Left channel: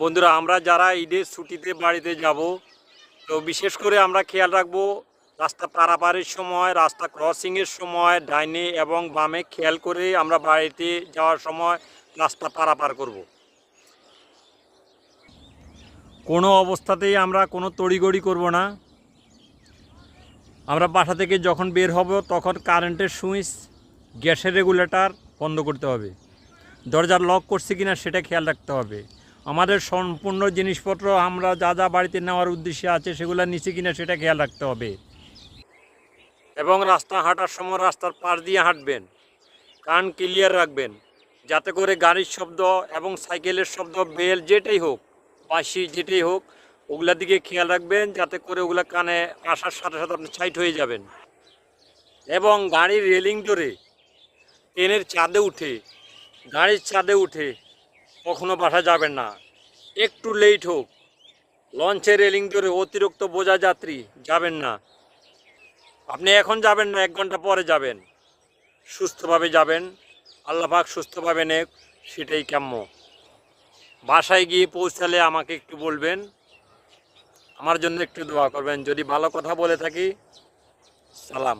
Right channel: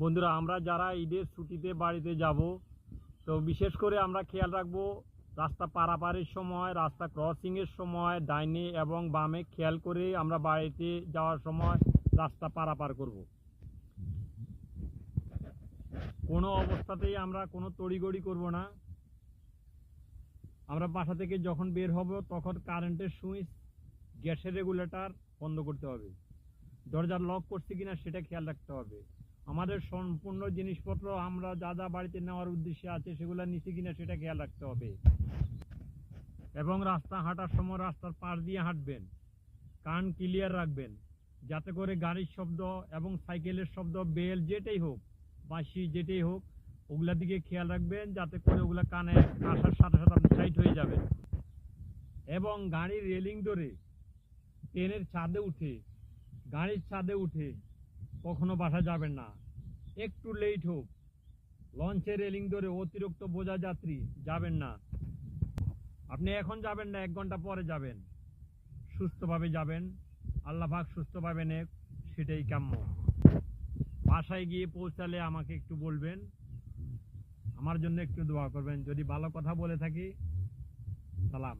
বন্ধুরা, আমরা যারা ঈদের ছুটিতে বাড়িতে যাব, তো বিশেষ করে আমরা খেয়াল রাখবো রাস্তা পারাপারের সময়, রাস্তা ক্রসিংয়ের সময় ডাইনে এবং বামে খেয়াল করে আমরা বাড়িতে যাওয়ার সময় রাস্তা পারাপার করব। কোনো অবস্থাতেই আমরা কোনো তড়িঘড়ি করব না। আমরা বাসা থেকে যখন বের হব তখন কারেন্টের সুইচ, গ্যাসের রেগুলেটর বন্ধ করতে হবে। দরজার লক করছে কিনা সেটা খেয়াল রাখতে হবে। আমাদের সম্পূর্ণ জিনিসপত্র আমরা যা যা বাড়িতে নেওয়ার উদ্দেশ্যে আছে সেগুলো নিচে কিনা সেটা খেয়াল রাখতে হবে। এবং রাস্তা হাঁটার সময় রাস্তার পাশ দিয়ে হাঁটবেন, কান ক্লিয়ার রাখবেন, যাতে করে গাড়ির শব্দ এবং সাইকেলের শব্দ, বেল যেটাই হোক, বাঁশি যেটাই হোক, ওগুলার দিকে খেয়াল রাখবেন, যাতে করে ওগুলা কানে আসার সাথে সাথে আপনি সাইড হয়ে যাবেন। এবং গাড়ির রেলিং ধরে ট্রেনের গাড়ির ছাদে উঠে কখনো বাসা যাবেন না। একটু লেট হোক, লঞ্চের রেলিং ধরে অতিরিক্ত বোঝা যাত্রী যাবেন না। আপনি এখন যাবেন না, 1 ঘন্টা পরে যাবেন। সুস্থভাবে যাবেন, আল্লাহ পাক সুস্থভাবে নেক, সেটাই কাম্য। বাসায় গিয়ে পৌঁছালে আমাকে একটু বলবেন, আমার জন্য একটু দোয়া করবেন। যদি ভালো কথা বলে থাকি, সালাম।